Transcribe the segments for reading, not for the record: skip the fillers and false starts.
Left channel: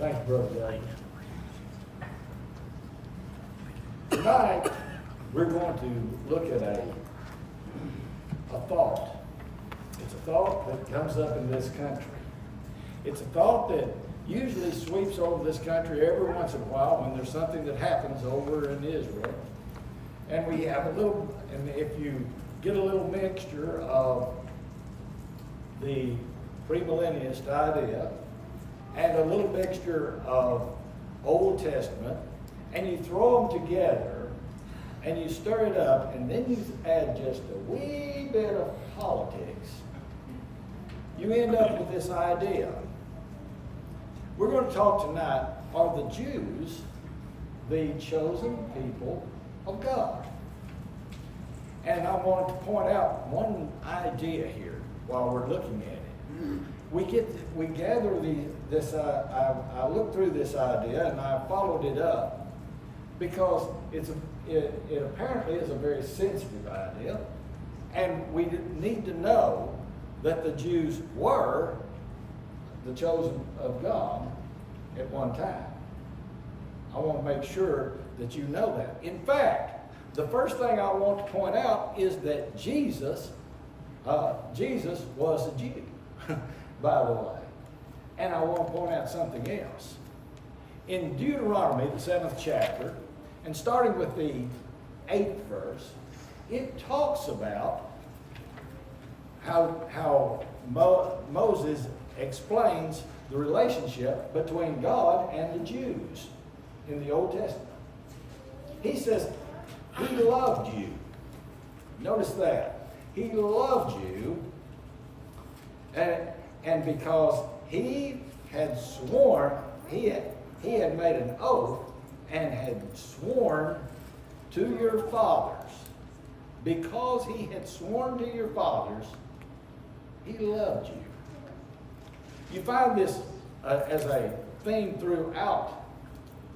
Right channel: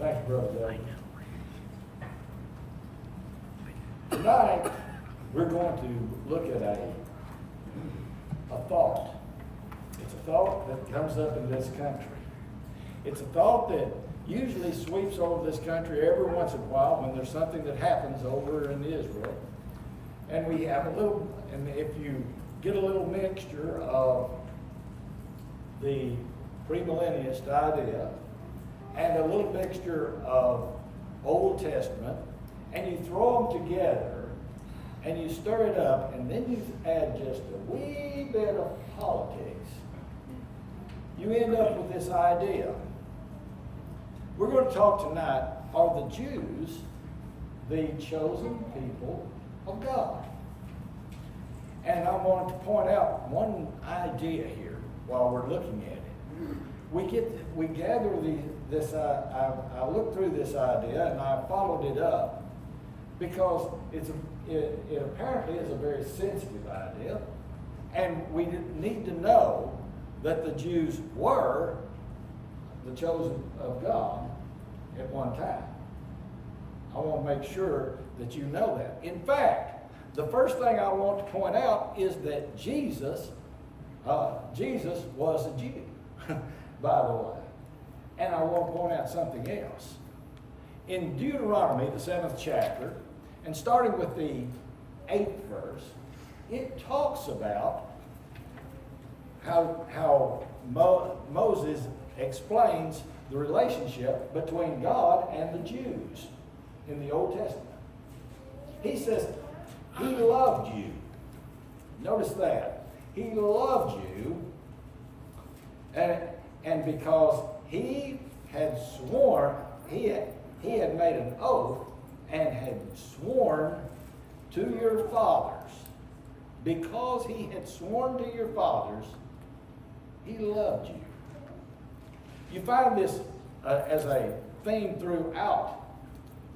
Thank you, Brother Dave. Tonight, we're going to look at a thought. It's a thought that comes up in this country. It's a thought that usually sweeps over this country every once in a while when there's something that happens over in Israel. And we have a little, and if you get a little mixture of the premillennialist idea and a little mixture of Old Testament, and you throw them together and you stir it up, and then you add just a wee bit of politics, you end up with this idea. We're going to talk tonight, are the Jews the chosen people of God? And I want to point out one idea here while we're looking at it. We gather this. I looked through this idea and I followed it up because it apparently is a very sensitive idea, and we need to know that the Jews were the chosen of God at one time. I want to make sure that you know that. In fact, the first thing I want to point out is that Jesus was a Jew, by the way. And I want to point out something else. In Deuteronomy, the 7th chapter, and starting with the 8th verse, it talks about how Moses explains the relationship between God and the Jews in the Old Testament. He says, he loved you. Notice that. He loved you, and because he had sworn, he had made an oath and had sworn to your fathers. Because he had sworn to your fathers, he loved you. You find this as a theme throughout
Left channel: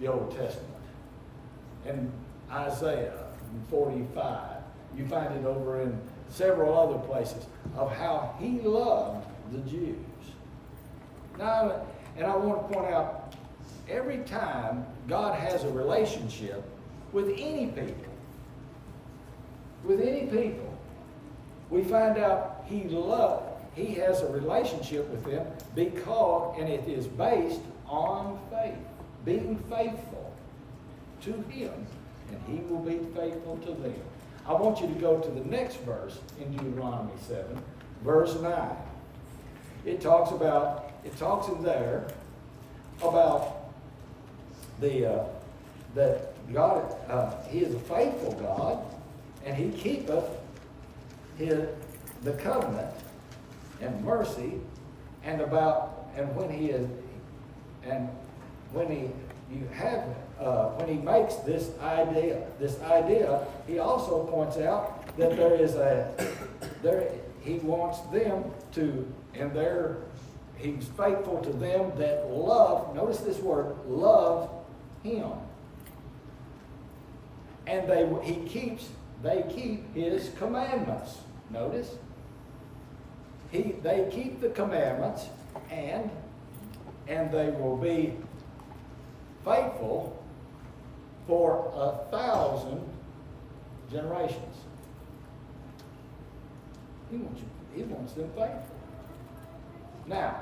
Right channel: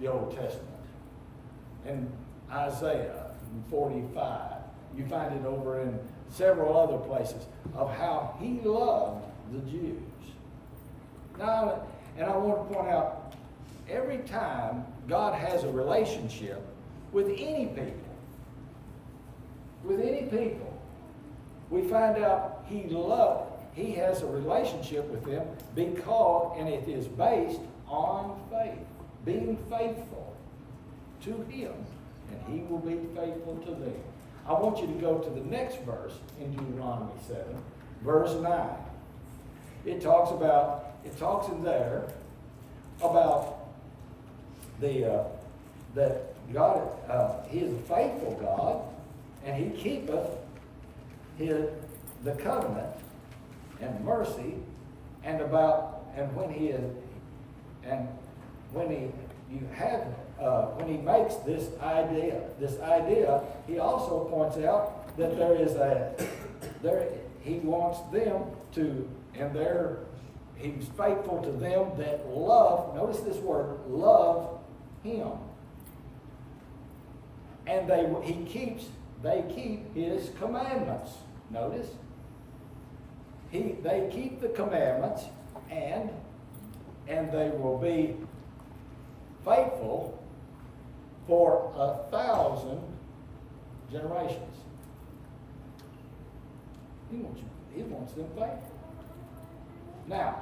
the Old Testament. In Isaiah 45, you find it over in several other places of how he loved the Jews. Now, and I want to point out, every time God has a relationship with any people, we find out he has a relationship with them because, and it is based on faith, being faithful to him, and he will be faithful to them. I want you to go to the next verse in Deuteronomy 7, verse 9. It talks in there about that God, he is a faithful God, and he keepeth the covenant and mercy, when he makes this idea, he also points out that he wants them to, he's faithful to them that love, notice this word, love him. And they keep his commandments. Notice. They keep the commandments, and they will be faithful for 1,000 generations. He wants them faithful. Now,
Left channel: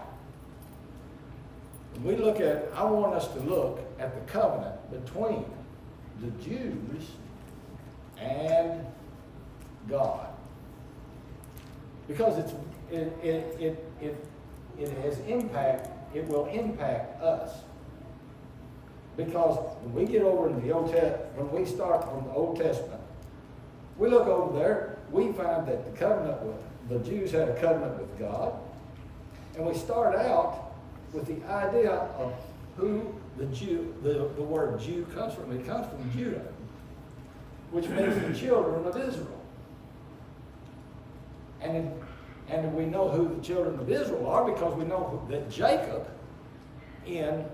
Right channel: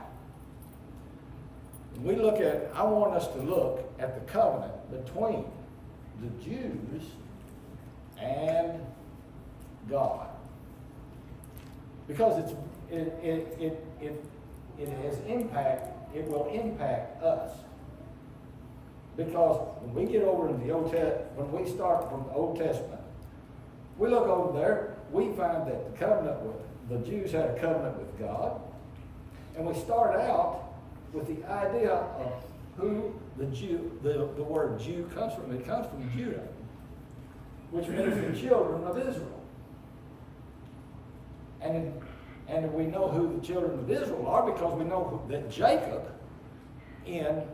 when I want us to look at the covenant between the Jews and God, because it has impact. It will impact us. Because when we get over in the when we start from the Old Testament, we look over there, we find that the Jews had a covenant with God, and we start out with the idea of who the word Jew comes from. It comes from Judah, which means the children of Israel. And we know who the children of Israel are because we know that Jacob, in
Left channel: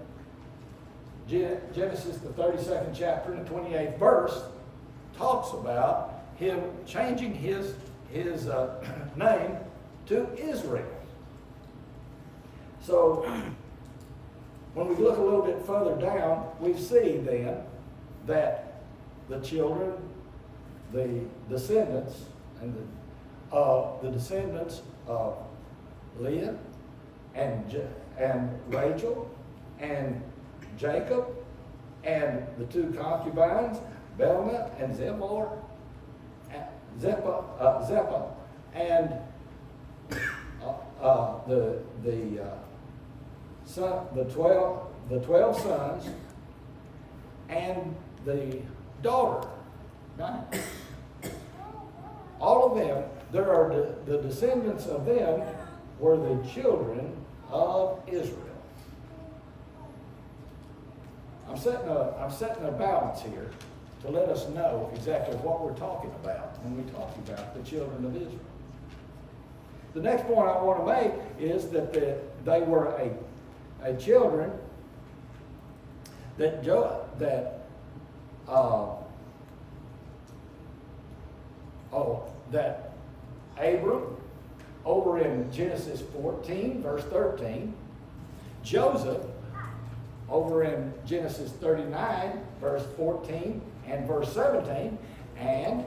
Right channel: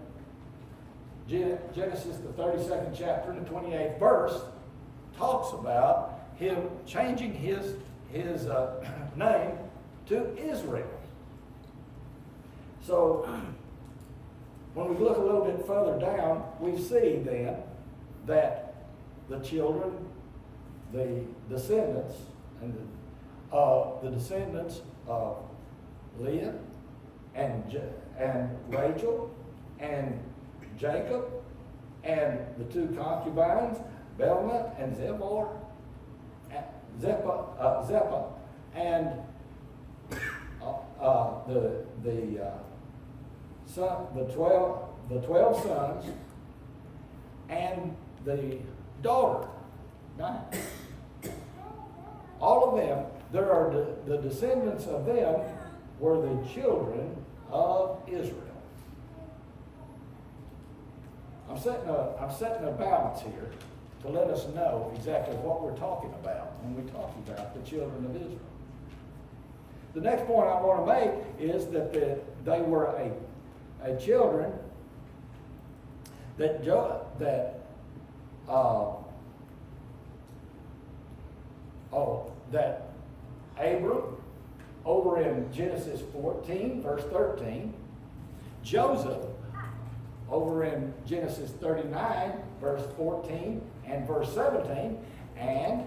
Genesis, the 32nd chapter and the 28th verse, talks about him changing his name to Israel. So when we look a little bit further down, we see then that the children, the descendants, and the descendants of Leah and Rachel and Jacob and the two concubines, Belna and Zepha, and the 12 sons and the daughter, 9. All of them, the descendants of them were the children of Israel. I'm setting a balance here to let us know exactly what we're talking about when we talk about the children of Israel. The next point I want to make is that they were a children that Abram, over in Genesis 14, verse 13, Joseph, over in Genesis 39, verse 14 and verse 17, and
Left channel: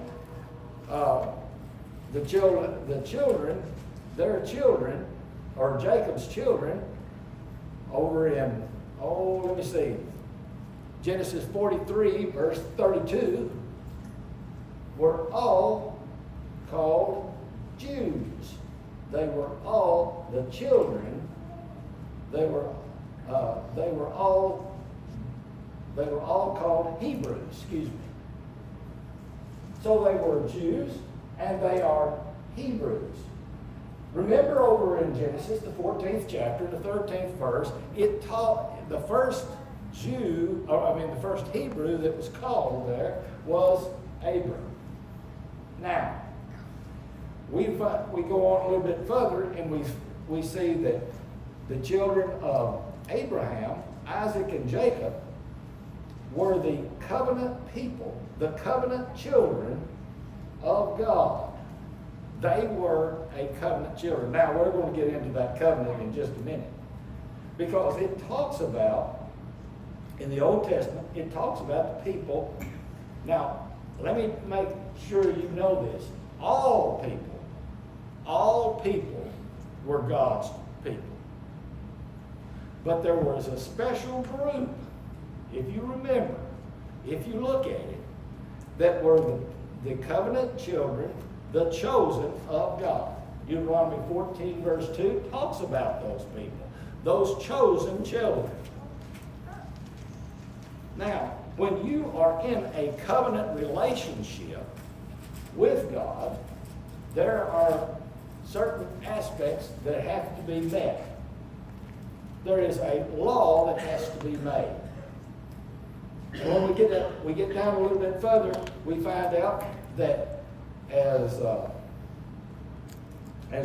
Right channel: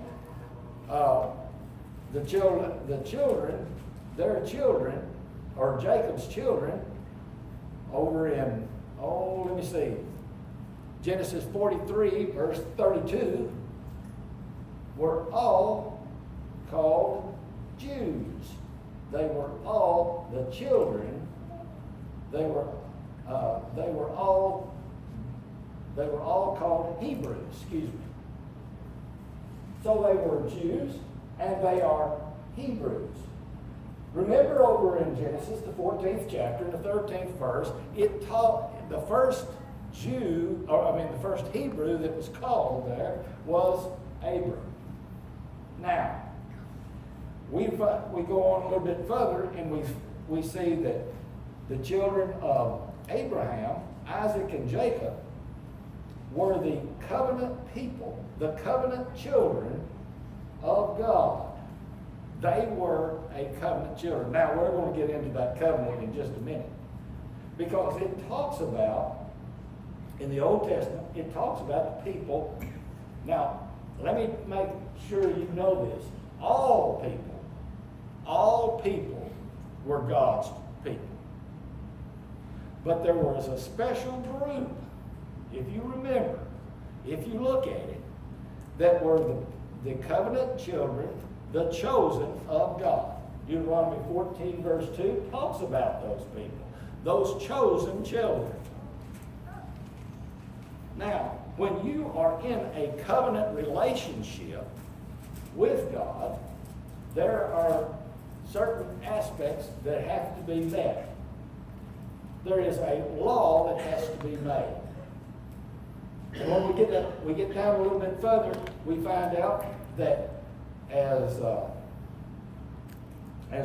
their children, or Jacob's children, over in, Genesis 43, verse 32, were all called Jews. They were all the children. They were all called Hebrews. Excuse me. So they were Jews, and they are Hebrews. Remember, over in Genesis, the 14th chapter, the 13th verse, it taught the first the first Hebrew that was called there was Abram. Now, we go on a little bit further, and we see that the children of Abraham, Isaac, and Jacob were the covenant people, the covenant children of God. They were a covenant children. Now, we're going to get into that covenant in just a minute, because it talks about, in the Old Testament, it talks about the people. Now, let me make sure you know this. All people were God's people. But there was a special group, if you remember, if you look at it, that were the covenant children, the chosen of God. Deuteronomy 14, verse 2 talks about those people, those chosen children. Now, when you are in a covenant relationship with God, there are certain aspects that have to be met. There is a law that has to be made. And when we get down a little bit further, we find out that as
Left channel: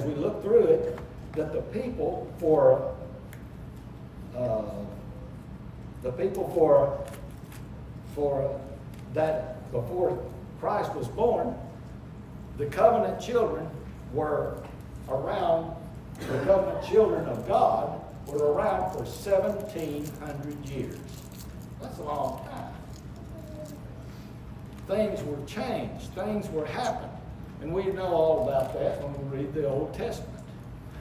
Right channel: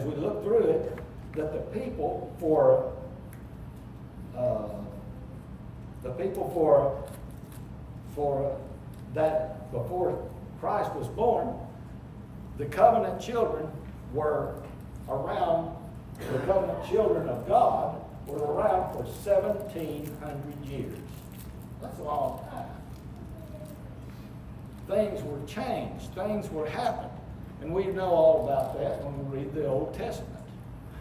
we look through it, that the people for that before Christ was born, the covenant children were around. The covenant children of God were around for 1,700 years. That's a long time. Things were changed. Things were happening. And we know all about that when we read the Old Testament.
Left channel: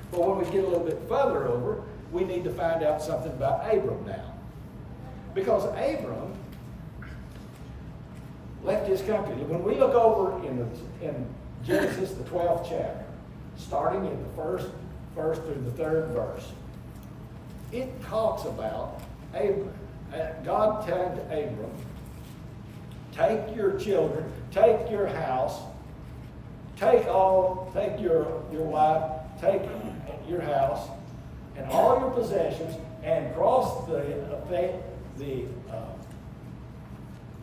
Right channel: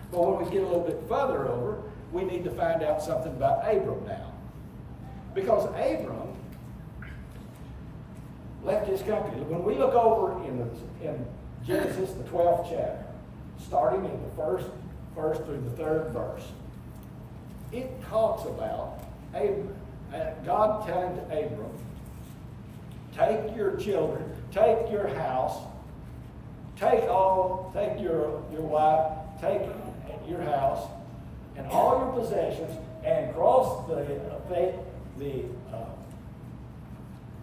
But when we get a little bit further over, we need to find out something about Abram now. Because Abram left his country. When we look over in Genesis, the 12th chapter, starting in the first through the 3rd verse, it talks about God telling to Abram, take your children, take your house, take your wife, take your house, and all your possessions, and cross the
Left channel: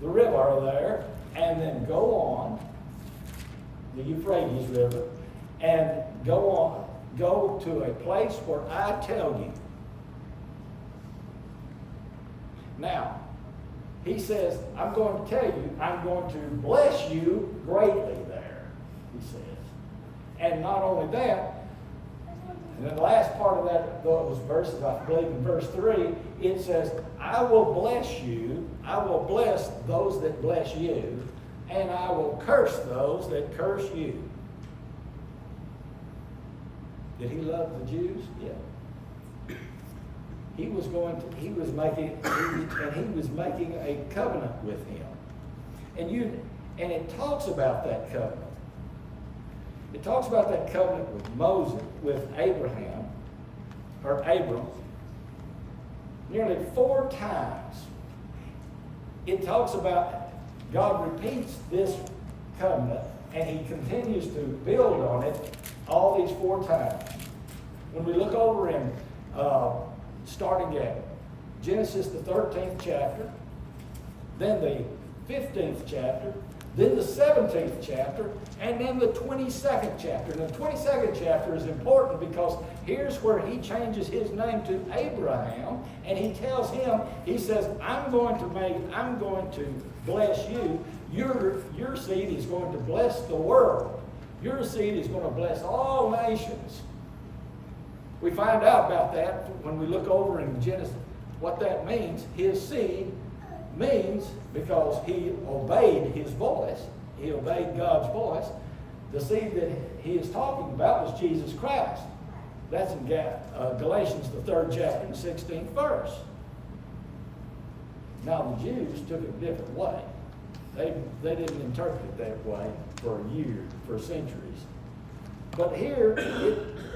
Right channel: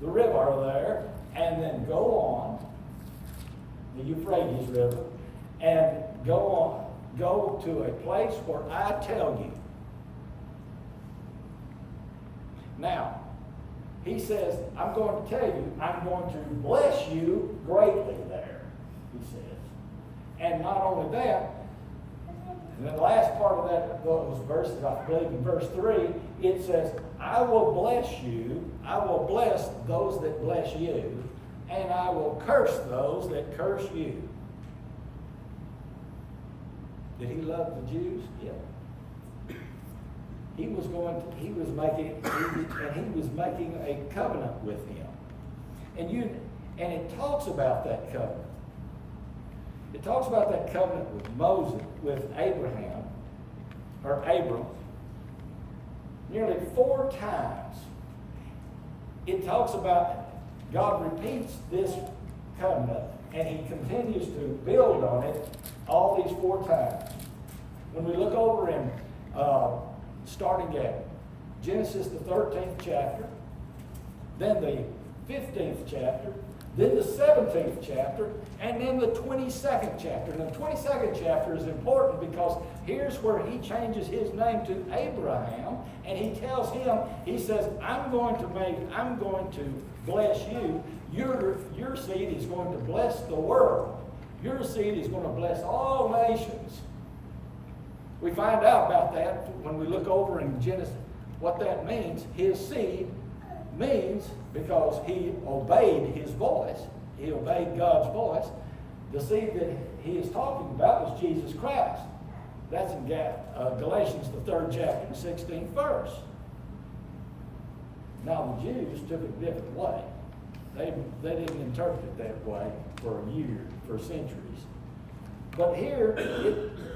river there, and then go the Euphrates River, and go to a place where I tell you. Now, he says, I'm going to tell you, I'm going to bless you greatly there, he says. And not only that, And then the last part of those verses, I believe in verse 3, it says, I will bless you, I will bless those that bless you, and I will curse those that curse you. Did he love the Jews? Yeah. He was making a covenant with him. And it talks about that covenant. It talks about that covenant with Moses, with Abraham, or Abram, nearly 4 times. It talks about, God repeats this covenant, and he continues to build on it all these 4 times. When we look over in, starting at Genesis the 13th chapter, then the 15th chapter, then the 17th chapter, and then the 22nd chapter. And the 22nd chapter is important because here's where he changes his name to Abraham, and he tells him, he says, I'm going to bless you. Your seed is going to bless the world. Your seed is going to bless all nations. We find out about that when we look over in Genesis, what that means. His seed means, because he obeyed his voice, he obeyed God's voice, the seed that he is talking about was Jesus Christ. That's in Galatians, the 3rd chapter, the 16th verse. Now the Jews took it a different way. They didn't interpret it that way for centuries. But here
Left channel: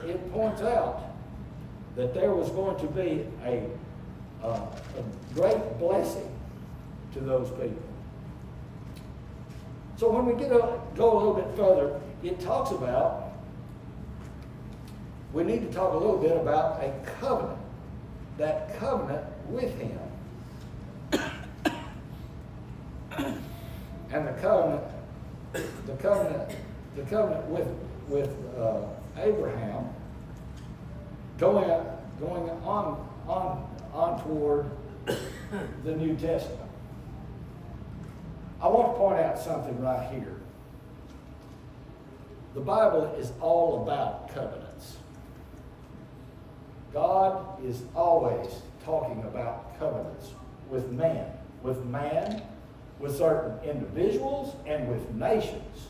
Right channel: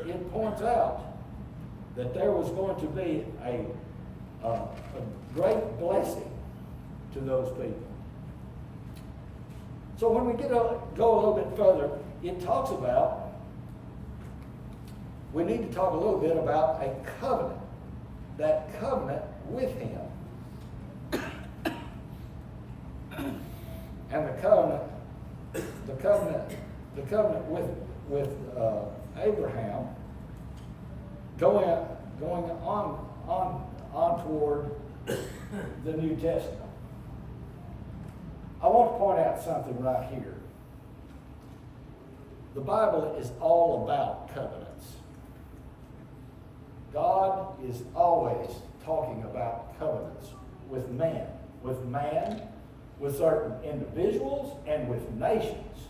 it points out that there was going to be a great blessing to those people. So when we go a little bit further, it talks about, we need to talk a little bit about a covenant, that covenant with him. And the covenant with Abraham going on toward the New Testament. I want to point out something right here. The Bible is all about covenants. God is always talking about covenants with man, with certain individuals, and with nations.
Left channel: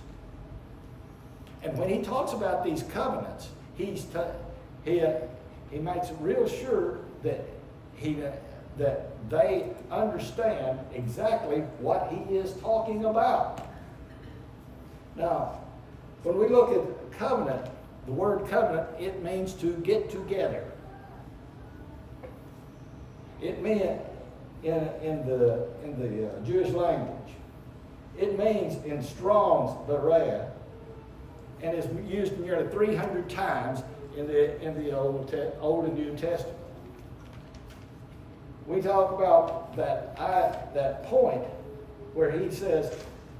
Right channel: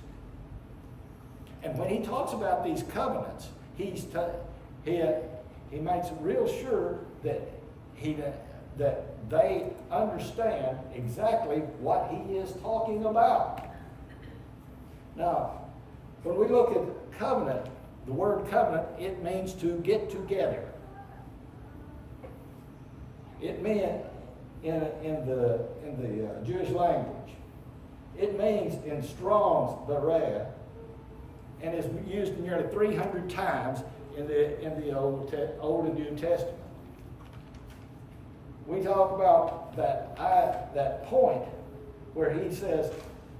And when he talks about these covenants, he makes real sure that they understand exactly what he is talking about. Now, when we look at covenant, the word covenant, it means to get together. It meant in the Jewish language, it means in Strong's Berea, and is used nearly 300 times in the Old and New Testament. We talk about that point where he says,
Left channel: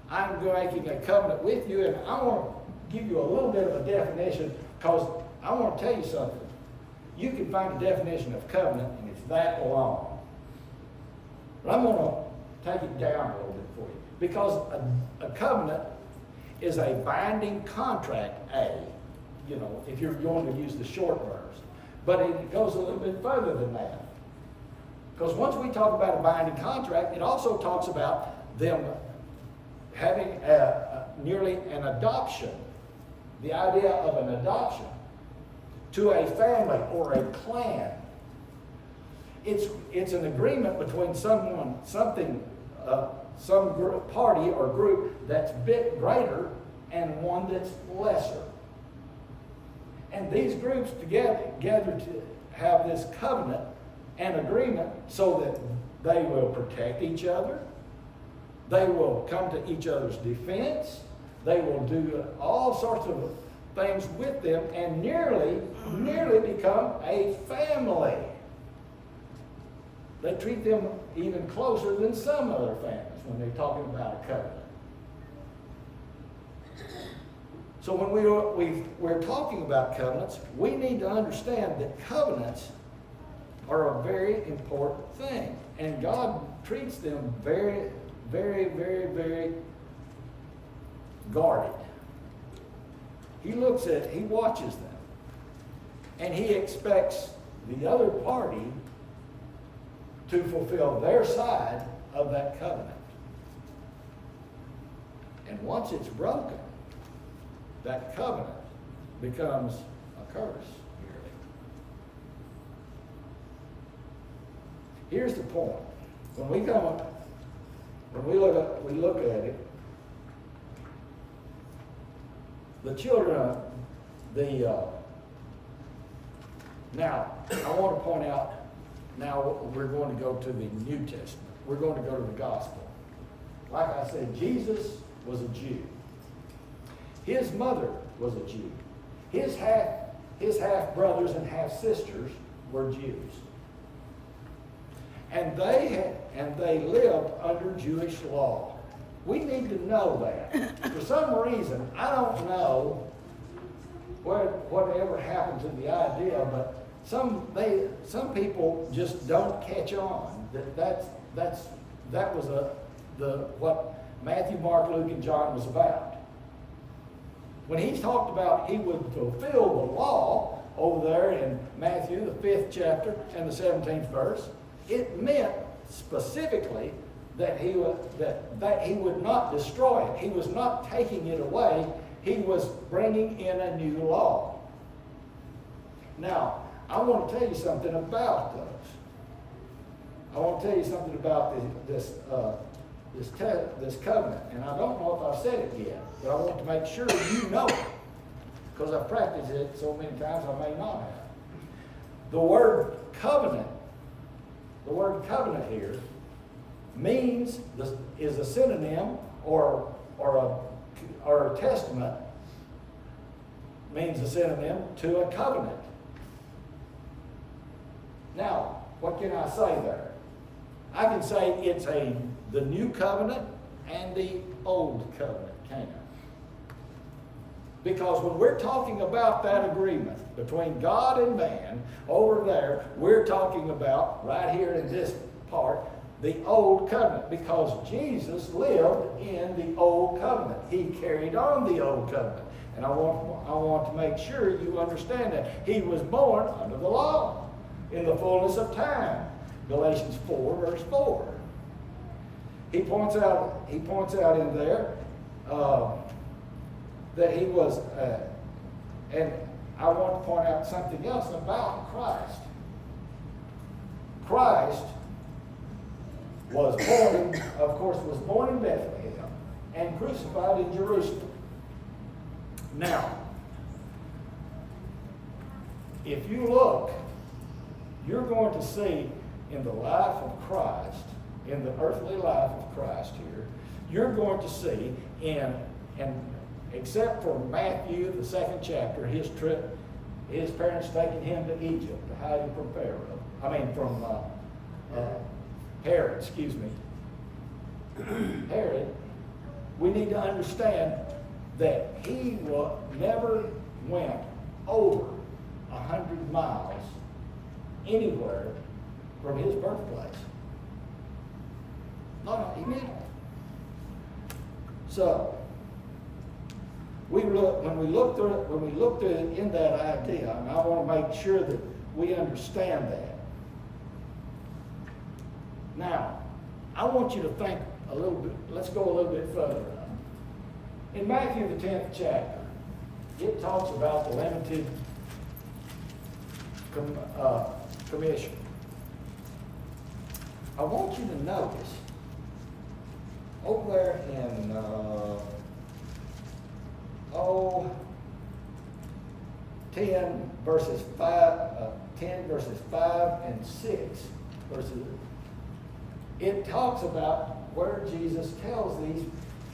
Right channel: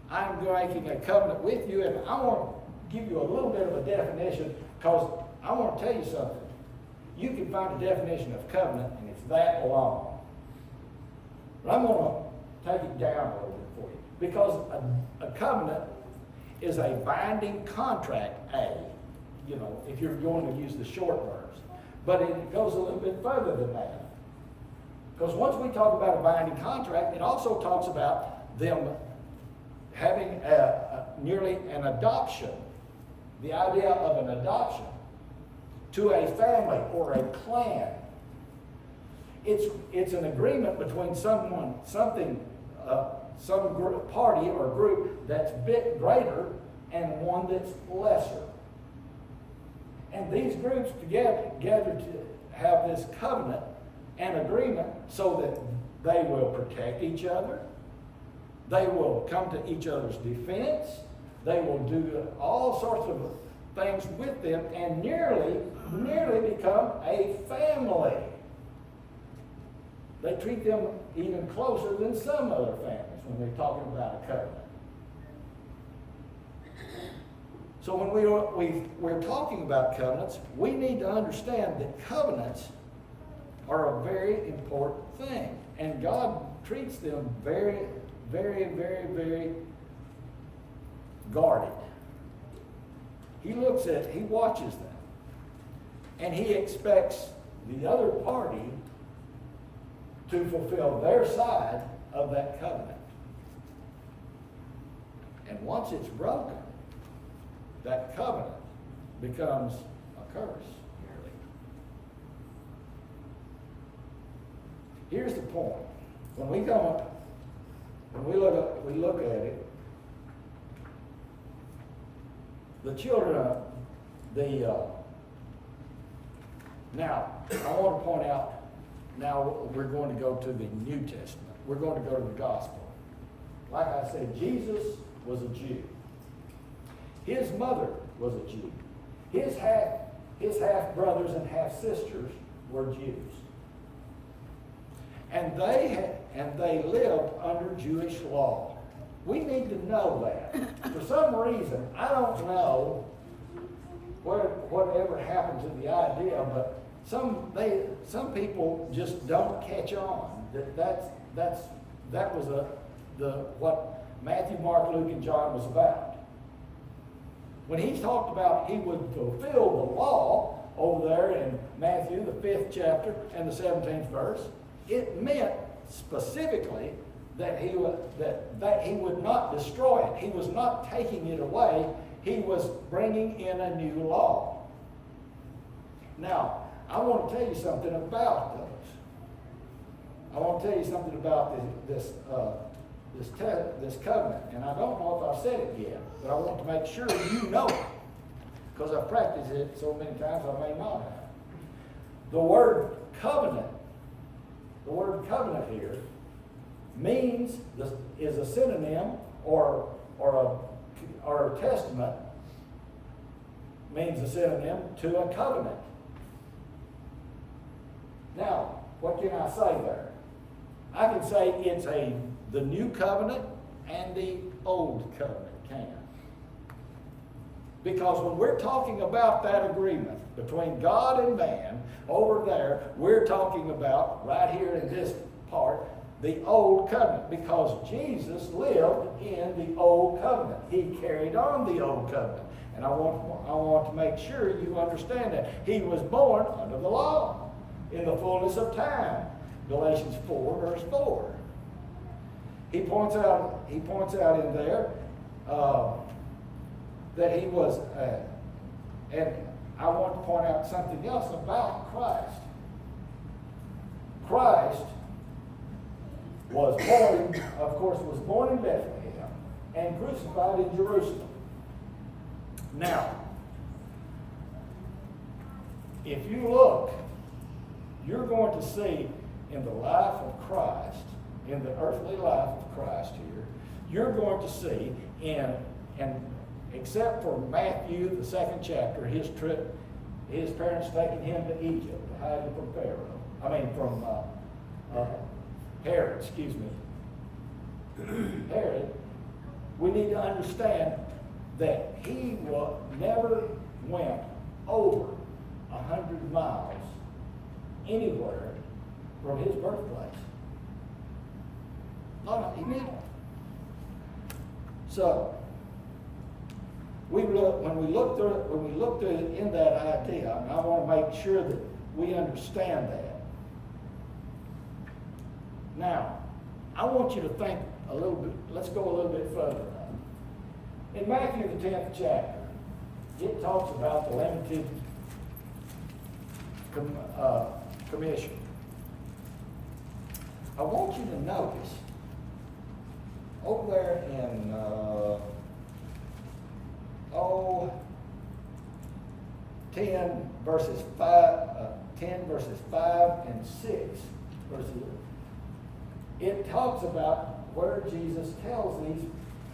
I'm making a covenant with you, and I want to give you a little bit of a definition, because I want to tell you something. You can find a definition of covenant, and it's that long. But I'm going to take it down a little bit for you, because a covenant is a binding contract, if you're going to use the short verbs. But it goes a little bit further than that. Because once we talk about a binding contract, it also talks about them having nearly an adoption, the idea of an adoption to a family or a clan. It's an agreement between some party or group that's a bit greater and one that's lesser. And these groups together to have this covenant and agreement so that they will protect each other, they will come to each other's defense, they will do all sorts of things with them, and nearly become a family. They treat them even closer than some other families when they're talking about a covenant. So when we're talking about covenants, we need to understand that covenants are a very important thing. And God treats them very, very, very, very guarded. He watches them. And he expects the other party to fulfill their side of that covenant. And once it's broken, that covenant becomes a curse. Here's the point. When we look at it, the children, now I want to point out. Now we're going to go to the New Testament. We're going to go to the gospel. Like I said, Jesus was a Jew. His mother was a Jew. His half brothers and half sisters were Jews. And they lived under Jewish law. We need to know that. For some reason, I don't know whatever happened to the idea, but some people just don't catch on that was what Matthew, Mark, Luke, and John was about. When he talked about he would fulfill the law over there in Matthew, the 5th chapter and the 17th verse, it meant specifically that he would not destroy it. He was not taking it away. He was bringing in a new law. Now, I want to tell you something about those. I want to tell you something about this covenant, and I don't know if I've said it yet, but I want to make sure you know it, because I've practiced it so many times I may not have. The word covenant here is a synonym or a testament means a synonym to a covenant. Now, what can I say there? I can say it's the new covenant and the old covenant, can't I? Because when we're talking about that agreement between God and man over there, we're talking about, right here in this part, the old covenant, because Jesus lived in the old covenant. He carried on the old covenant. And I want to make sure you understand that. He was born under the law in the fullness of time. Galatians 4, verse 4. He points out in there that he was, and I want to point out something else about Christ. Christ was born in Bethlehem and crucified in Jerusalem. Now, if you look, you're going to see in the life of Christ, in the earthly life of Christ here, you're going to see and except for Matthew, the 2nd chapter, his trip, his parents taking him to Egypt to hide him from Herod, Herod, we need to understand that he never went over 100 miles anywhere from his birthplace. No, he didn't. So, when we look through it in that idea, and I want to make sure that we understand that. Now, I want you to think a little bit, let's go a little bit further. In Matthew, the 10th chapter, it talks about the limited commission. I want you to notice over there in 10 verses 5 and 6 verses. It talks about where Jesus tells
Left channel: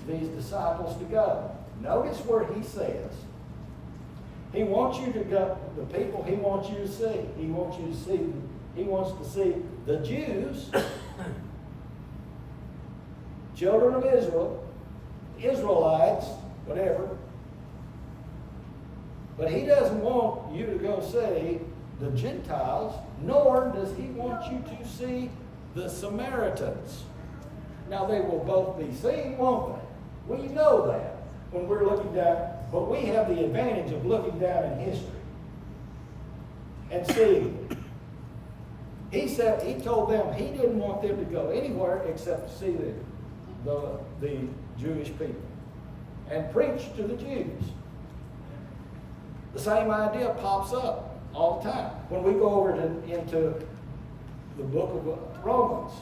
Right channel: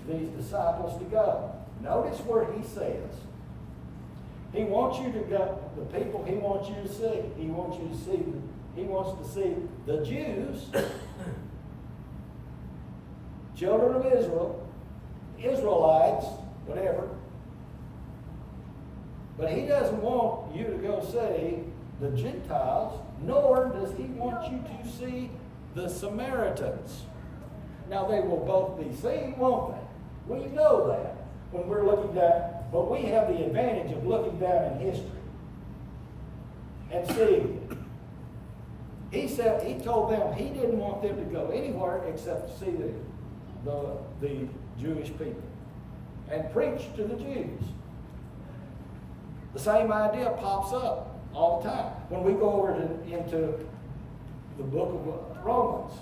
these disciples to go. Notice where he says, he wants you to go, the people he wants you to see. He wants to see the Jews, children of Israel, Israelites, whatever. But he doesn't want you to go see the Gentiles, nor does he want you to see the Samaritans. Now they will both be seen, won't they? We know that when we're looking down, but we have the advantage of looking down in history. and see. He told them he didn't want them to go anywhere except to see the Jewish people and preach to the Jews. The same idea pops up all the time. When we go over into the book of Romans,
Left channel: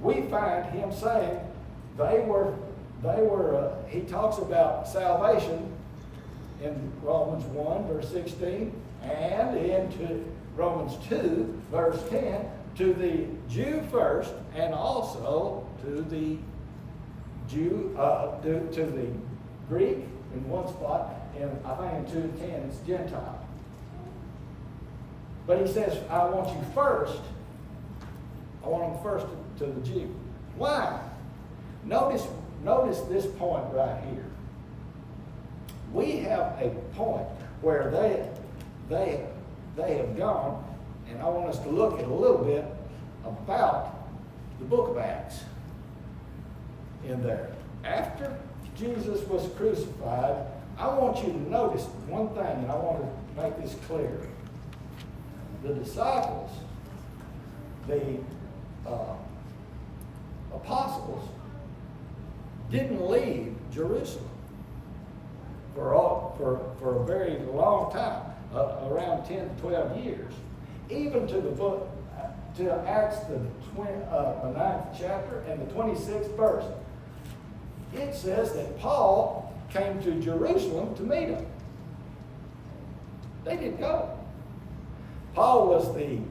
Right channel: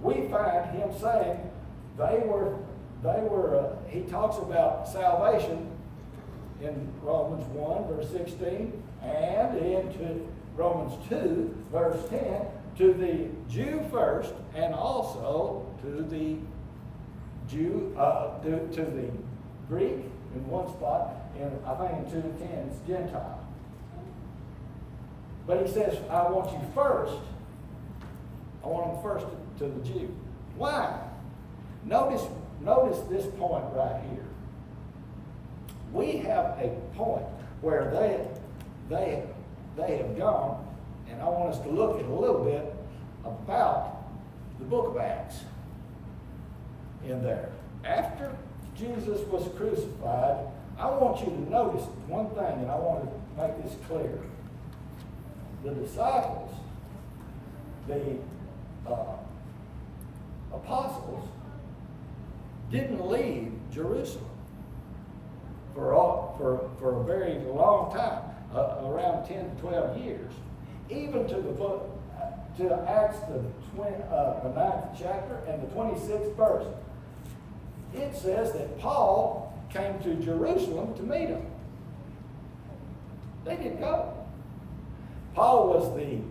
we find him saying he talks about salvation in Romans 1, verse 16, and into Romans 2, verse 10, to the Jew first, and also to the to the Greek in one spot, and I think in 2:10 it's Gentile. But he says, I want them first to the Jew. Why? Notice this point right here. We have a point where they have gone, and I want us to look at a little bit about the book of Acts in there. After Jesus was crucified, I want you to notice one thing, and I want to make this clear. The disciples, the apostles, didn't leave Jerusalem for a very long time, around 10 to 12 years. Even to the book, to Acts, the 9th chapter and the 26th verse, it says that Paul came to Jerusalem to meet them. They didn't go. Paul was the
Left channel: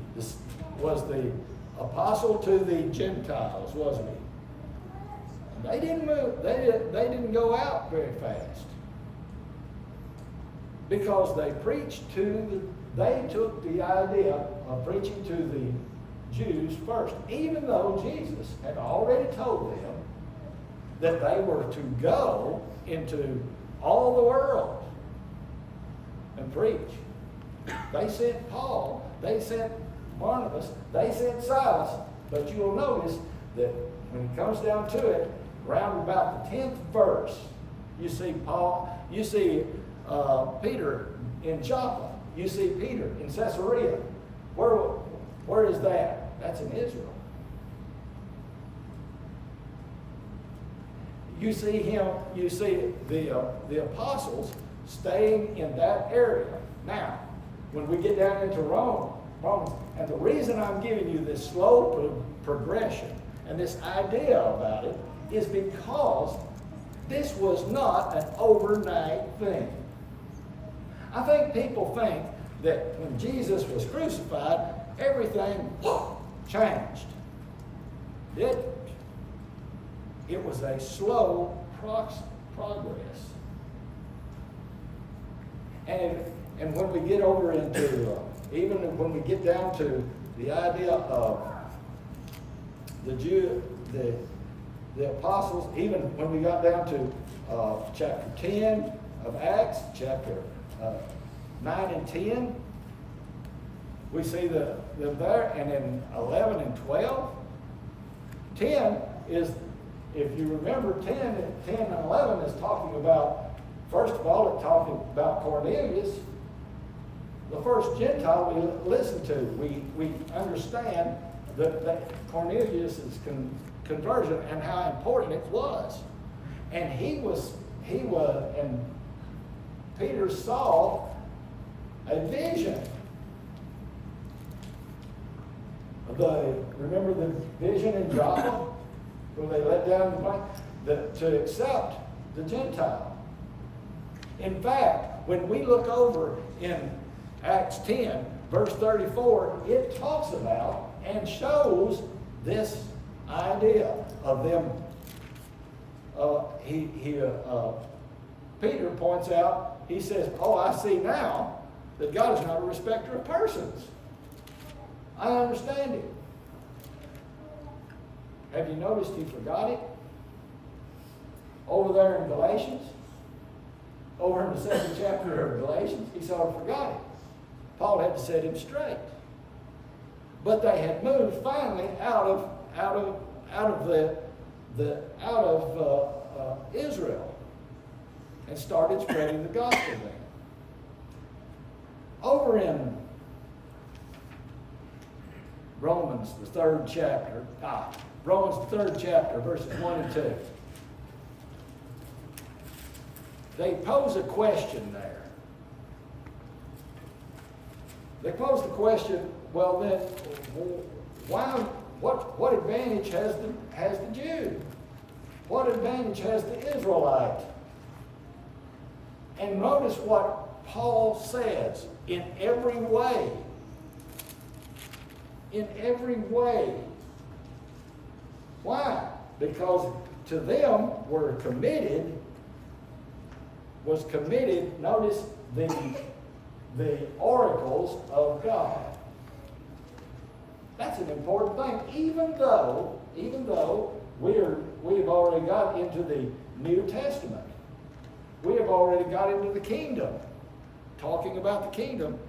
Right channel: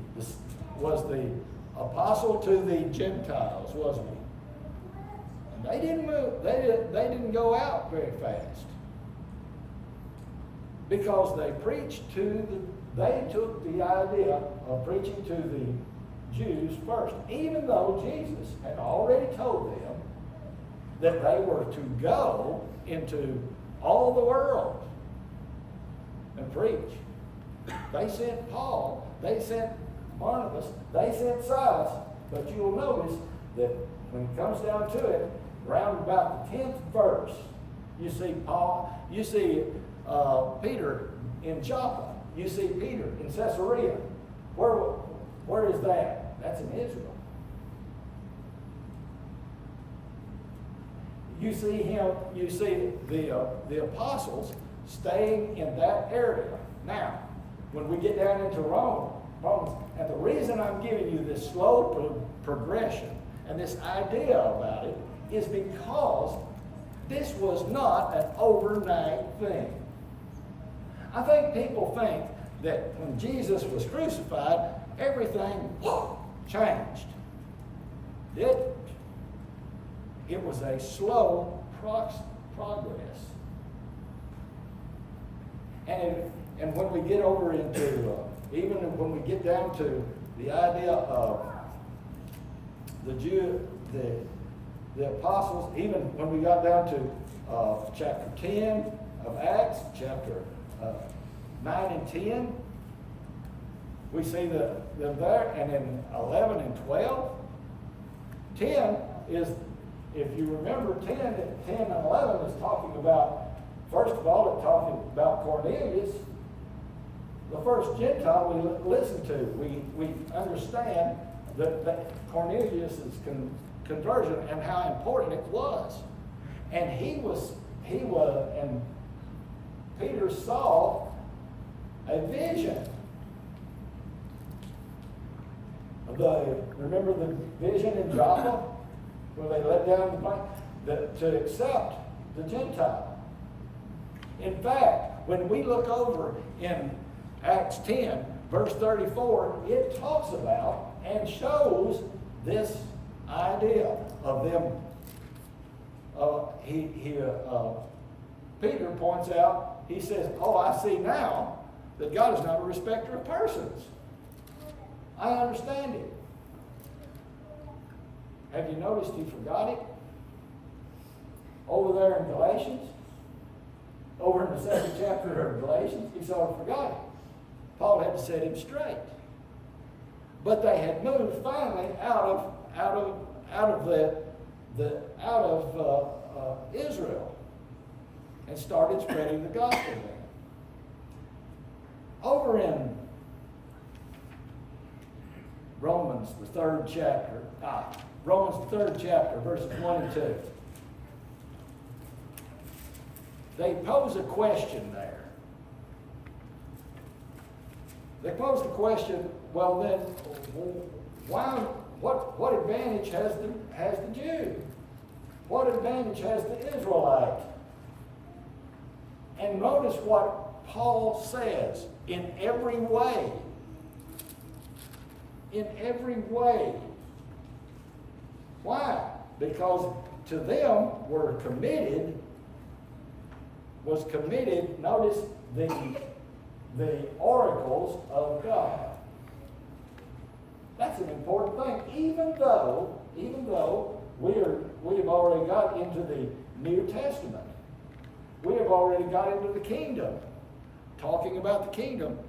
apostle to the Gentiles, wasn't he? And they didn't move. They didn't go out very fast because they took the idea of preaching to the Jews first, even though Jesus had already told them that they were to go into all the world and preach. They sent Paul, they sent Barnabas, they sent Silas, but you'll notice that when it comes down to it, around about the 10th verse, you see Peter in Joppa, you see Peter in Caesarea. Where is that? That's in Israel. You see the apostles staying in that area. Now, when we get down into Romans, and the reason I'm giving you this slow progression and this idea about it is because this was not an overnight thing. I think people think that when Jesus was crucified, everything changed. It didn't. It was a slow progress. And when we get over into, even when we get down to the idea of the apostles, even when we got down to chapter 10 of Acts, chapter 9 and 10, we see them there, and in 11 and 12, 10 is, if you remember, 10 and 11 is talking about, first of all, it's talking about Cornelius, the first Gentile we listen to. We understand that Cornelius' conversion and how important it was. And and Peter saw a vision. Remember the vision in Joppa where they let down the plane to accept the Gentile. In fact, when we look over in Acts 10, verse 34, it talks about and shows this idea of them. Peter points out, he says, "Oh, I see now that God is not a respecter of persons. I understand it." Have you noticed he forgot it? Over there in Galatians, over in the 2nd chapter of Galatians, he sort of forgot it. Paul had to set him straight. But they had moved finally out of Israel and started spreading the gospel there. Over in Romans, the third chapter, verses 1 and 2. They pose a question there. They pose the question, well then, what advantage has the Jew? What advantage has the Israelite? And notice what Paul says, in every way. In every way. Why? Because to them was committed, notice the oracles of God. That's an important thing. Even though we've already got into the New Testament. We have already got into the kingdom, talking about the kingdom,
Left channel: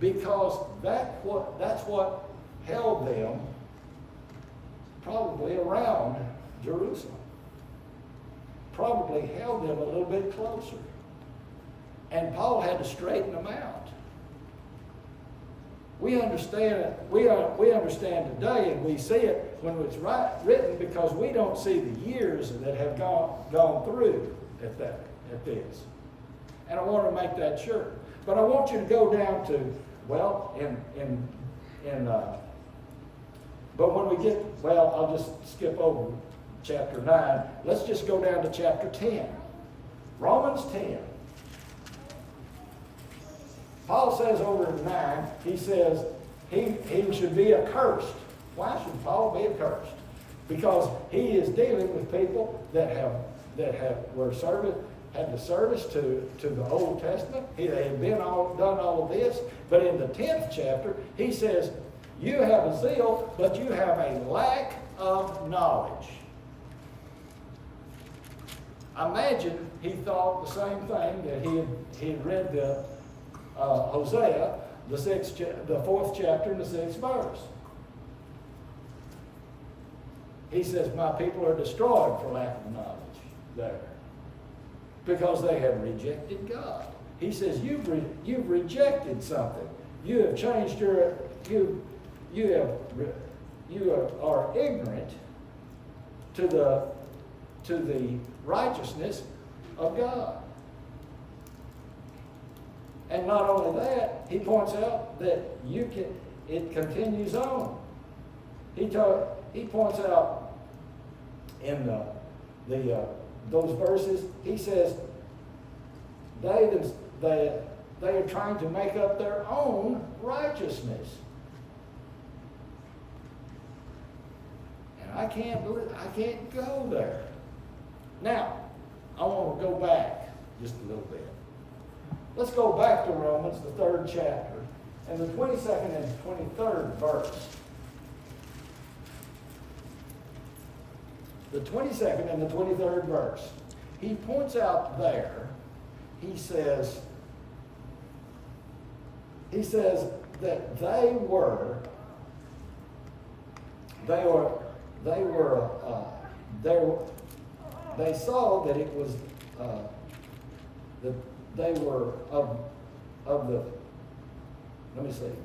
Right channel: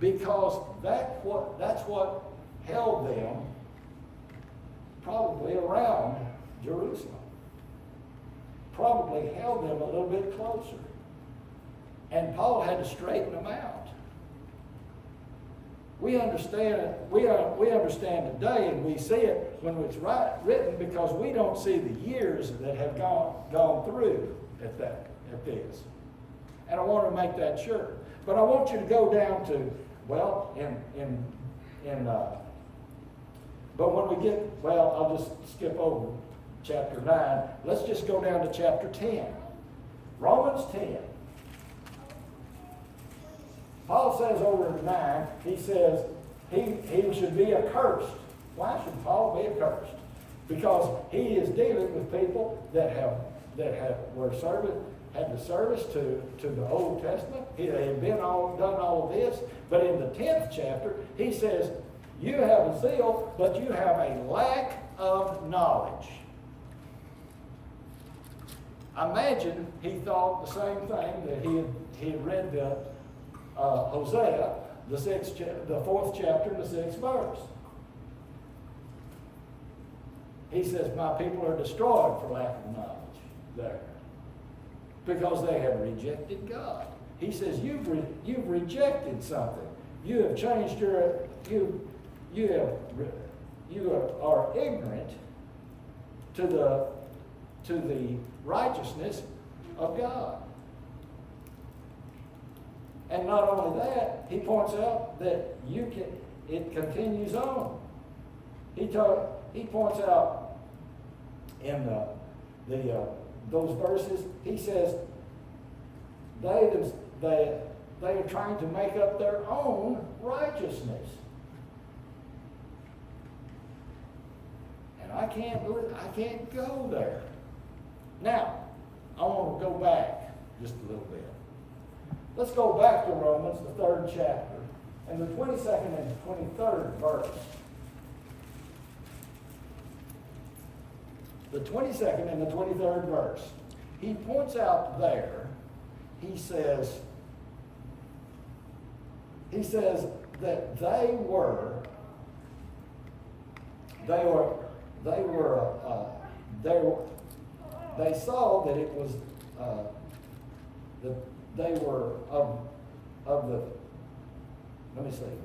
because that's what held them probably around Jerusalem. Probably held them a little bit closer. And Paul had to straighten them out. We understand today, and we see it when it's written, because we don't see the years that have gone through at this. And I want to make that sure. But I want you to go down to, but when we get, I'll just skip over chapter 9. Let's just go down to chapter 10. Romans 10. Paul says over in 9, he says he should be accursed. Why should Paul be accursed? Because he is dealing with people that had the service to the Old Testament. They had done all of this. But in the 10th chapter, he says, you have a zeal, but you have a lack of knowledge. I imagine he thought the same thing that he had read the Hosea, the 4th chapter and the 6th verse. He says, my people are destroyed for lack of knowledge there, because they have rejected God. He says, you've rejected something. You have changed you are ignorant to the righteousness of God. And not only that, he points out that it continues on. He points out in those verses, he says, they are trying to make up their own righteousness. And I can't go there. Now, I want to go back just a little bit. Let's go back to Romans, the 3rd chapter, and the 22nd and 23rd verse. The 22nd and the 23rd verse. He points out there, he says that they saw that it was that they were of the, let me see,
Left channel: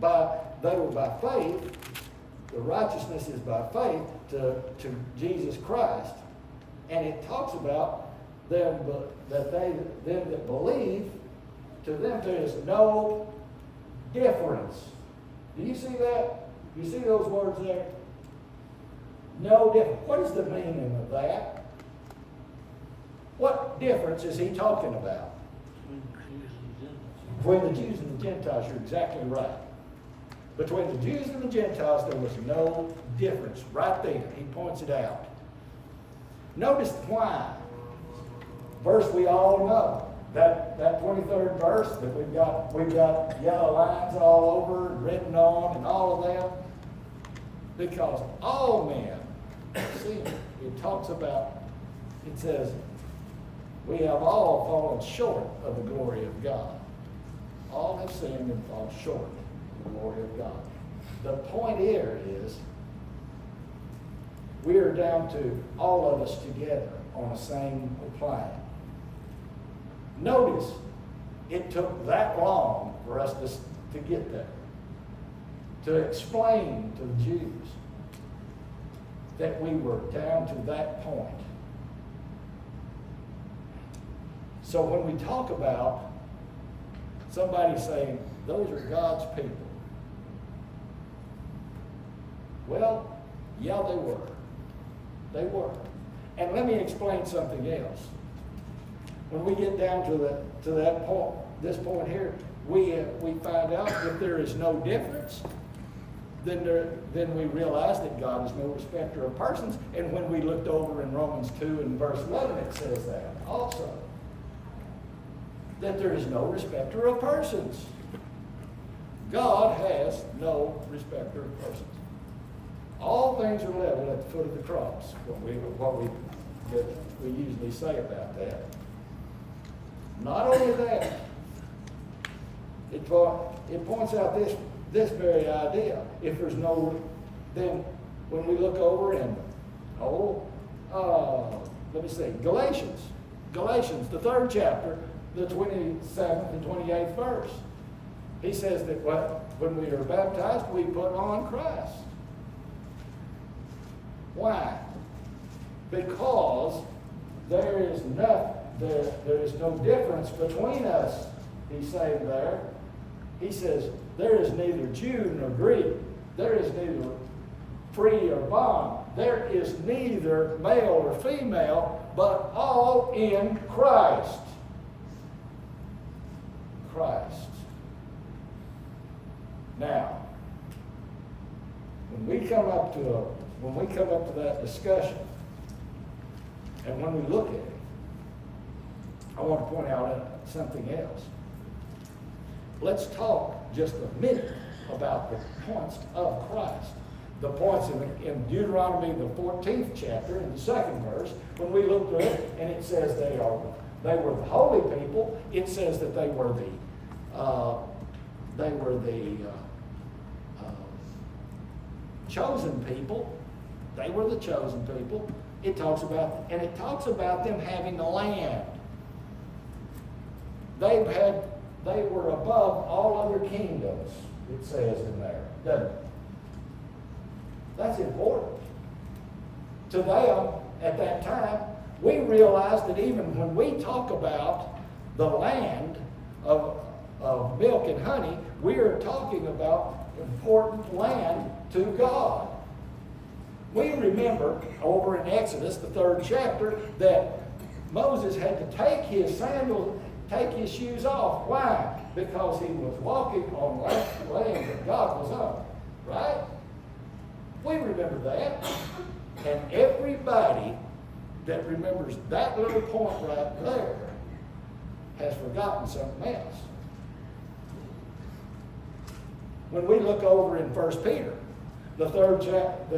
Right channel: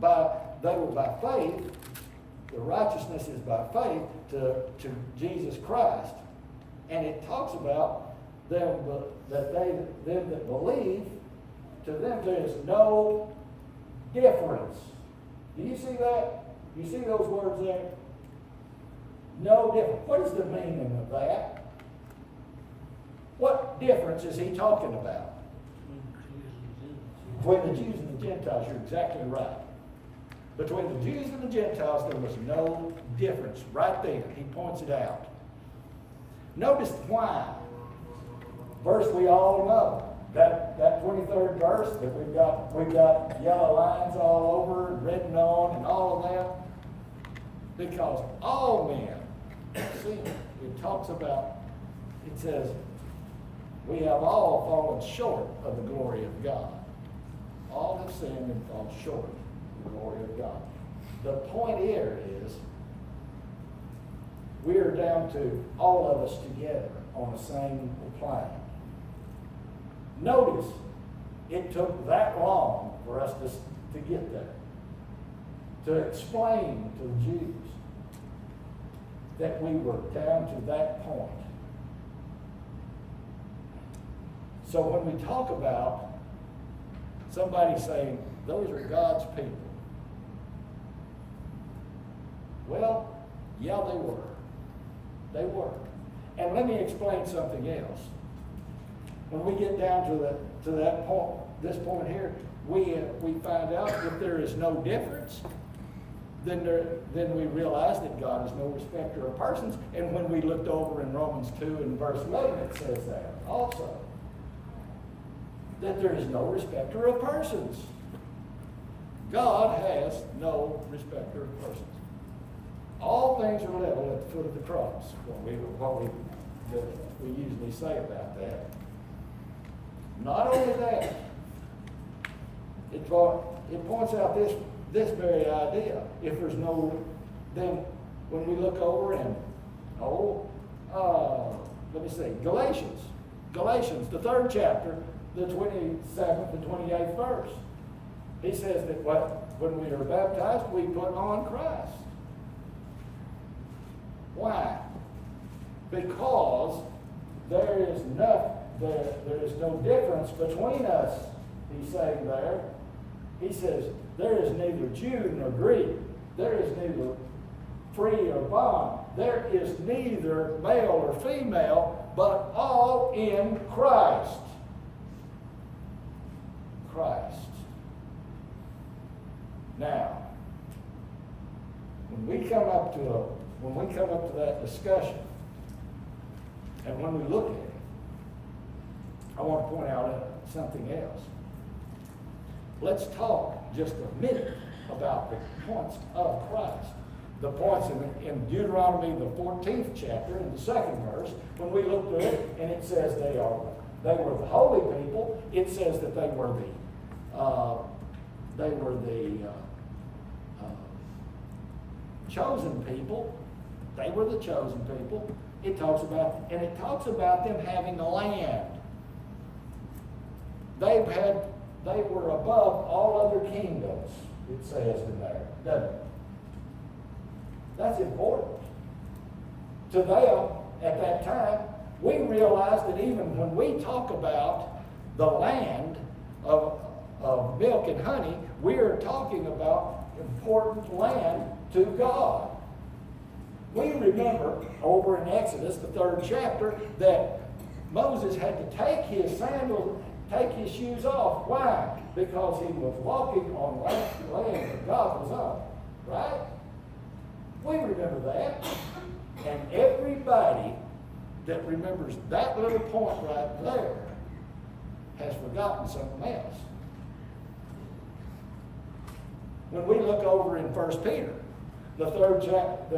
they were by faith. The righteousness is by faith to Jesus Christ, and it talks about them that believe. To them there is no difference. Do you see that? You see those words there? No difference. What is the meaning of that? What difference is he talking about? Between the Jews and the Gentiles, you're exactly right. Between the Jews and the Gentiles, there was no difference. Right there, he points it out. Notice why. Verse we all know. That 23rd verse that we've got yellow lines all over, written on, and all of that. Because all men sin. It talks about, it says, we have all fallen short of the glory of God. All have sinned and fall short of the glory of God. The point here is, we are down to all of us together on the same plane. Notice it took that long for us to get there, to explain to the Jews that we were down to that point. So when we talk about somebody saying, those are God's people, well, yeah, they were. They were. And let me explain something else. When we get down to that point, this point here, we find out that there is no difference. Then we realize that God is no respecter of persons. And when we looked over in Romans 2 and verse 11, it says that also. That there is no respecter of persons. God has no respecter of persons. All things are level at the foot of the cross. What we usually say about that. Not only that, it points out this very idea. If there's no, then when we look over in, let me see, Galatians, the 3rd chapter, the 27th and 28th verse. He says that when we are baptized, we put on Christ. Why? Because there is no difference between us, he's saying there. He says, there is neither Jew nor Greek. There is neither free or bond. There is neither male or female, but all in Christ. Christ. Now, when we come up to that discussion, and when we look at it, I want to point out something else. Let's talk just a minute about the points of Christ. The points in Deuteronomy, the 14th chapter, in the 2nd verse, when we look through it, and it says they were the holy people. It says that they were the chosen people. They were the chosen people. It talks about them having a land. They were above all other kingdoms, it says in there, doesn't it? That's important. To them, at that time, we realized that even when we talk about the land of milk and honey, we are talking about important land to God. We remember over in Exodus, the 3rd chapter, that Moses had to take his sandals, take his shoes off. Why? Because he was walking on land that God was on. Right? We remember that. And everybody that remembers that little point right there has forgotten something else. When we look over in 1 Peter, the 3rd chapter,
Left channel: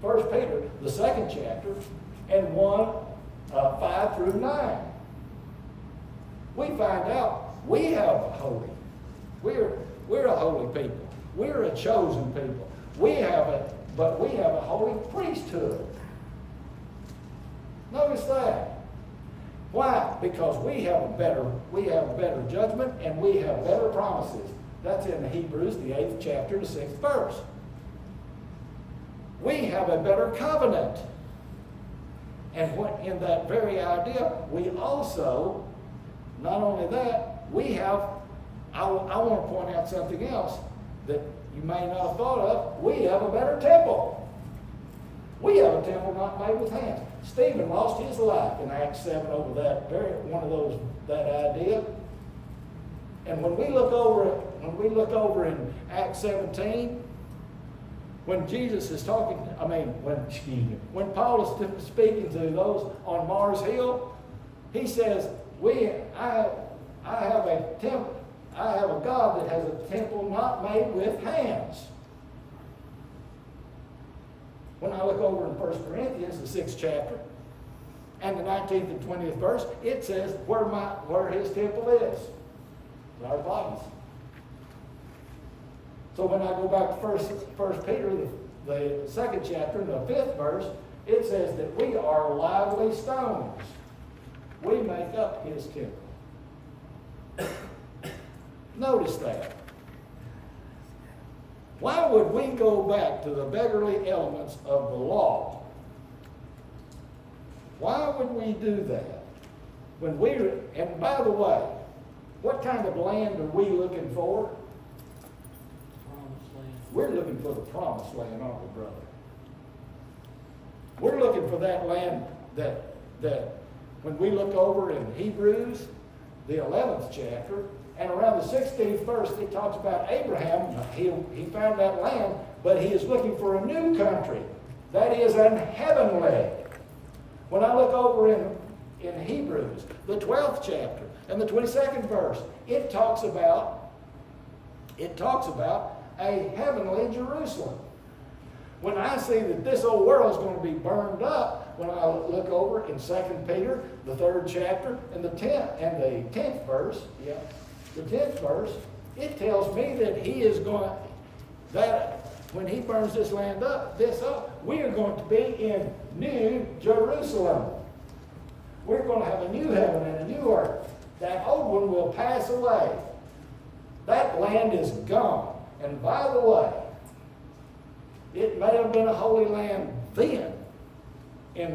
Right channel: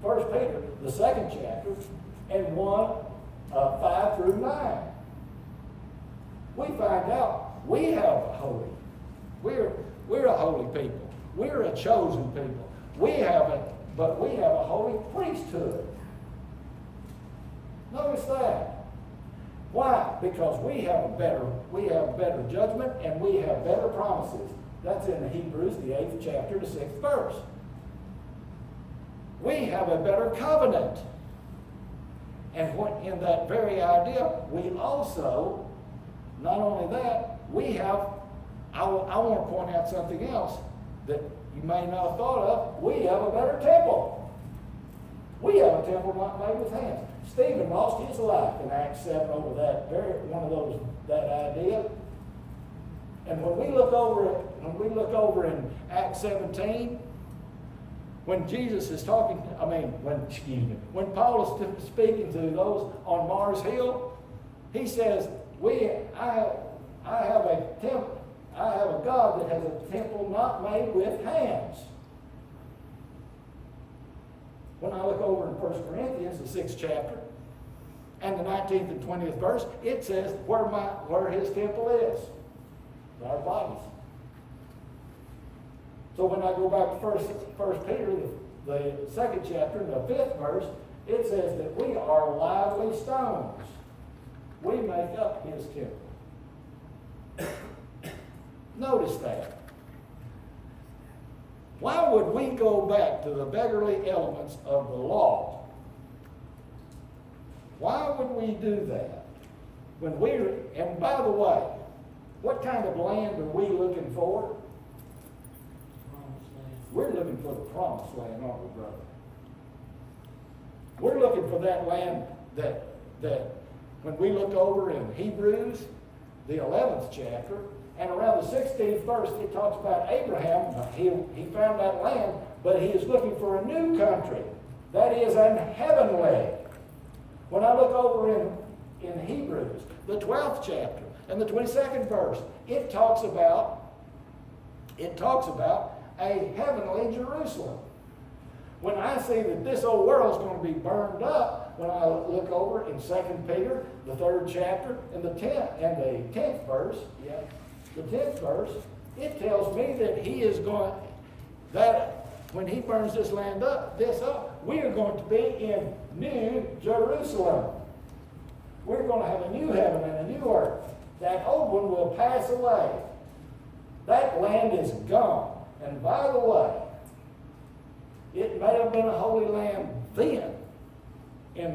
1 Peter, the 2nd chapter, and 5 through 9, we find out we have a holy. We're a holy people. We're a chosen people. But we have a holy priesthood. Notice that. Why? Because we have better judgment and we have better promises. That's in Hebrews, the 8th chapter, the 6th verse. We have a better covenant. And in that very idea, we also, not only that, we have, I want to point out something else that you may not have thought of. We have a better temple. We have a temple not made with hands. Stephen lost his life in Acts 7 over that idea. And when we look over in Acts 17, when Jesus is talking, when Paul is speaking to those on Mars Hill, he says, I have a God that has a temple not made with hands. When I look over in 1 Corinthians, the 6th chapter, and the 19th and 20th verse, it says where his temple is. Our bodies. So when I go back to 1 Peter, the 2nd chapter, the 5th verse, it says that we are lively stones. We make up his temple. Notice that. Why would we go back to the beggarly elements of the law? Why would we do that? And by the way, what kind of land are we looking for? We're looking for the promised land, aren't we, brother? We're looking for that land that when we look over in Hebrews, the 11th chapter, and around the 16th verse, it talks about Abraham. He found that land, but he is looking for a new country. That is an heavenly. When I look over in Hebrews, the 12th chapter, and the 22nd verse, it talks about a heavenly Jerusalem. When I see that this old world is going to be burned up, when I look over in 2 Peter, the 3rd chapter, and the 10th verse, the 10th verse, it tells me that when he burns this land up, we are going to be in New Jerusalem. We're going to have a new heaven and a new earth. That old one will pass away. That land is gone. And by the way, it may have been a holy land then in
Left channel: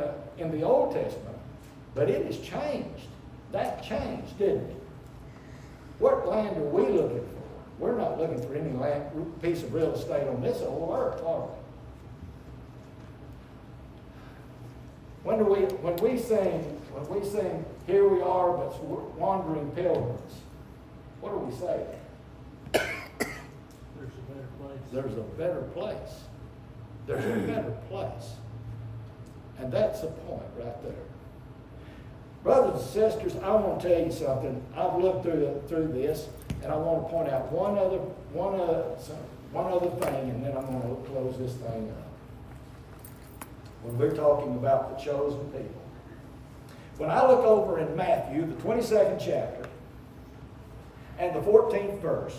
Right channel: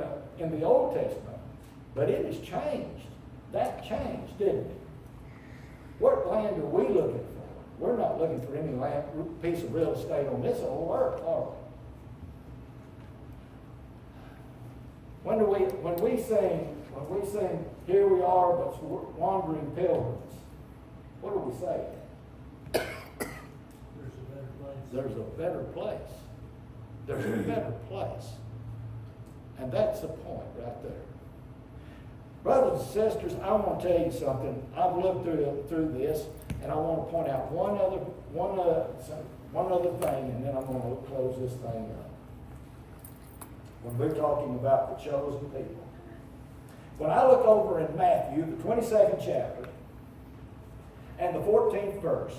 the Old Testament, but it has changed. That changed, didn't it? What land are we looking for? We're not looking for any piece of real estate on this whole earth, are we? When we sing, here we are, but wandering pilgrims, what do we say? There's a better place. There's a better place. And that's the point right there. Brothers and sisters, I want to tell you something. I've looked through this, and I want to point out one other thing, and then I'm going to close this thing up. When we're talking about the chosen people. When I look over in Matthew, the 22nd chapter, and the 14th verse,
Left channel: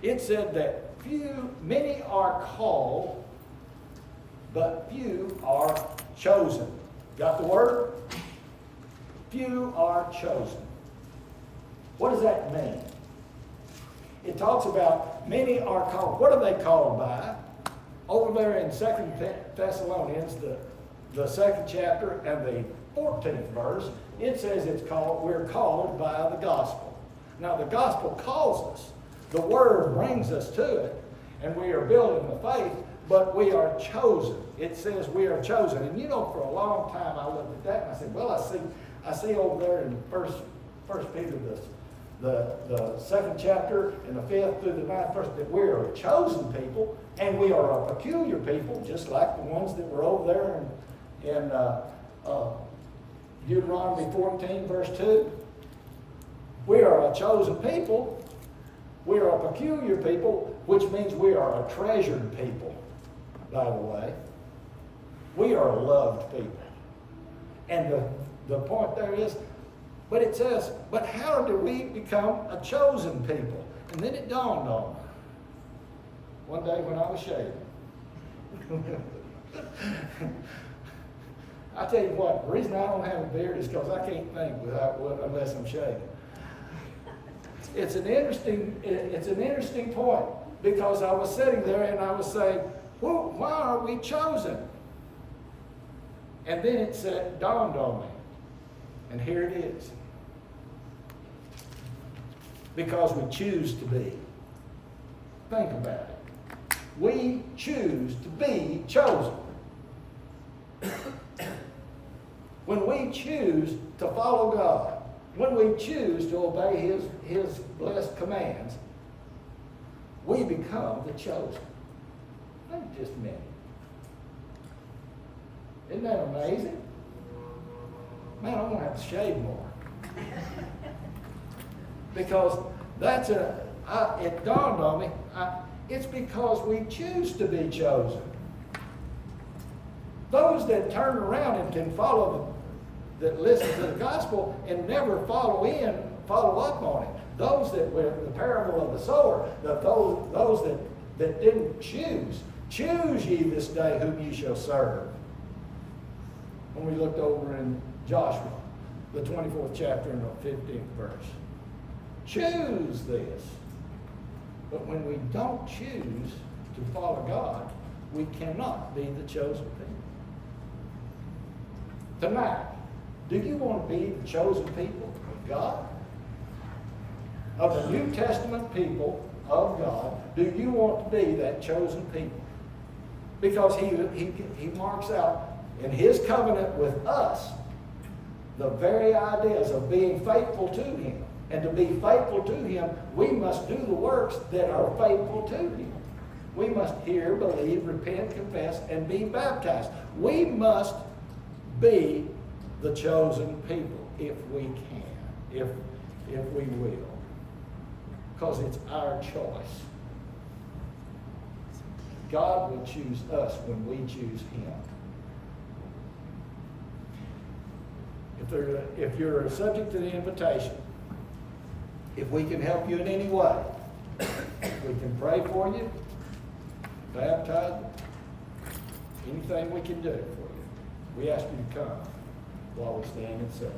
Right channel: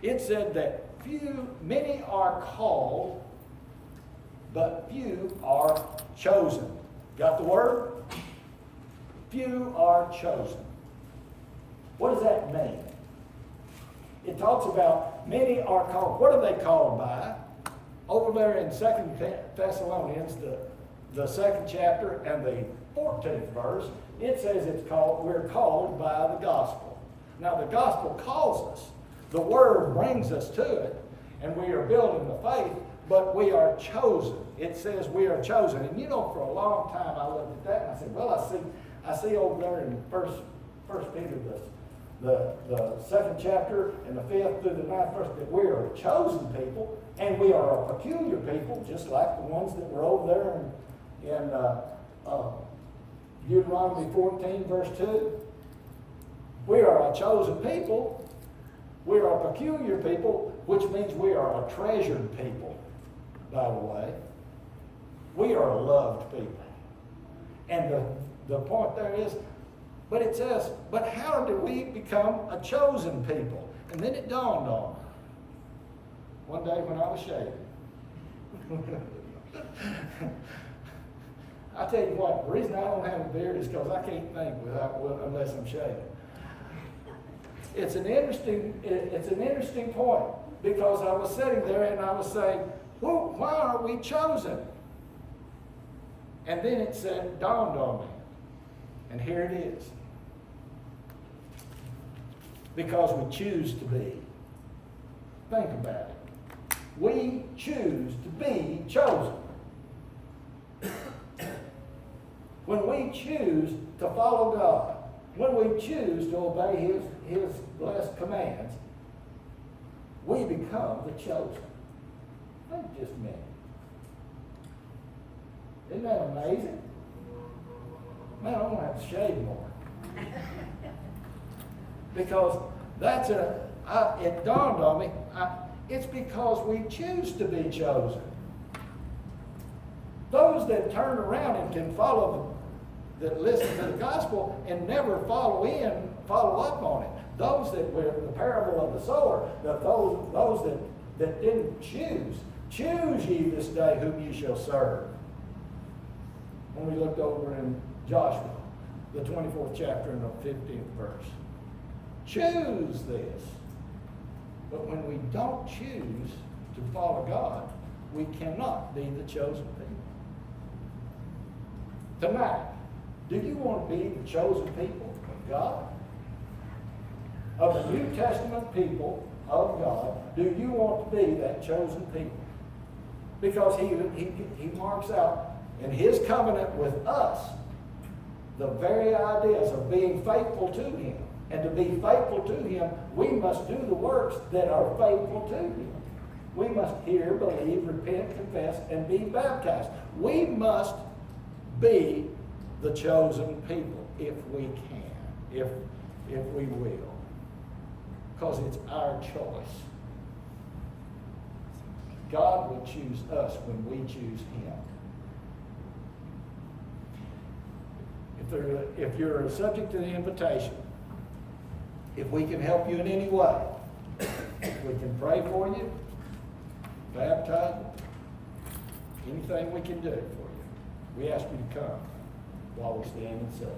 it said that many are called, but few are chosen. Got the word? Few are chosen. What does that mean? It talks about many are called. What are they called by? Over there in 2 Thessalonians, the 2nd chapter and the 14th verse, it says we're called by the gospel. Now the gospel calls us. The word brings us to it, and we are building the faith, but we are chosen. It says we are chosen. And you know, for a long time I looked at that and I said, well, I see over there in First Peter, the 2nd chapter and the 5th through the 9th verse, that we are a chosen people, and we are a peculiar people, just like the ones that were over there in Deuteronomy 14 verse 2. We are a chosen people. We are a peculiar people, which means we are a treasured people, by the way. We are a loved people. And the point there is, but it says, but how do we become a chosen people? And then it dawned on me. One day when I was shaving. I tell you what, the reason I don't have a beard is because I can't think unless I'm shaving. It's an interesting point, because I was sitting there and I was saying, well, why are we chosen? And then it dawned on me, and here it is. Because we choose to be. Think about it. We choose to be chosen. When we choose to follow God, when we choose to obey His blessed commands, we become the chosen. Think just a minute. Isn't that amazing? Man, I'm going to have to shave more. Because it dawned on me, it's because we choose to be chosen. Those that turn around and can that listen to the gospel and never follow up on it. Those that were the parable of the sower, those that didn't choose ye this day whom ye shall serve. When we looked over in Joshua, the 24th chapter and the 15th verse. choose this. But when we don't choose to follow God, we cannot be the chosen people. Tonight, do you want to be the chosen people of God? Of the New Testament people of God, do you want to be that chosen people? Because he marks out in his covenant with us the very ideas of being faithful to him. And to be faithful to him, we must do the works that are faithful to him. We must hear, believe, repent, confess, and be baptized. We must be the chosen people if we can, if we will. Because it's our choice. God will choose us when we choose him. If you're subject to the invitation, if we can help you in any way, we can pray for you, baptize you, anything we can do for you. We ask you to come while we stand and sing.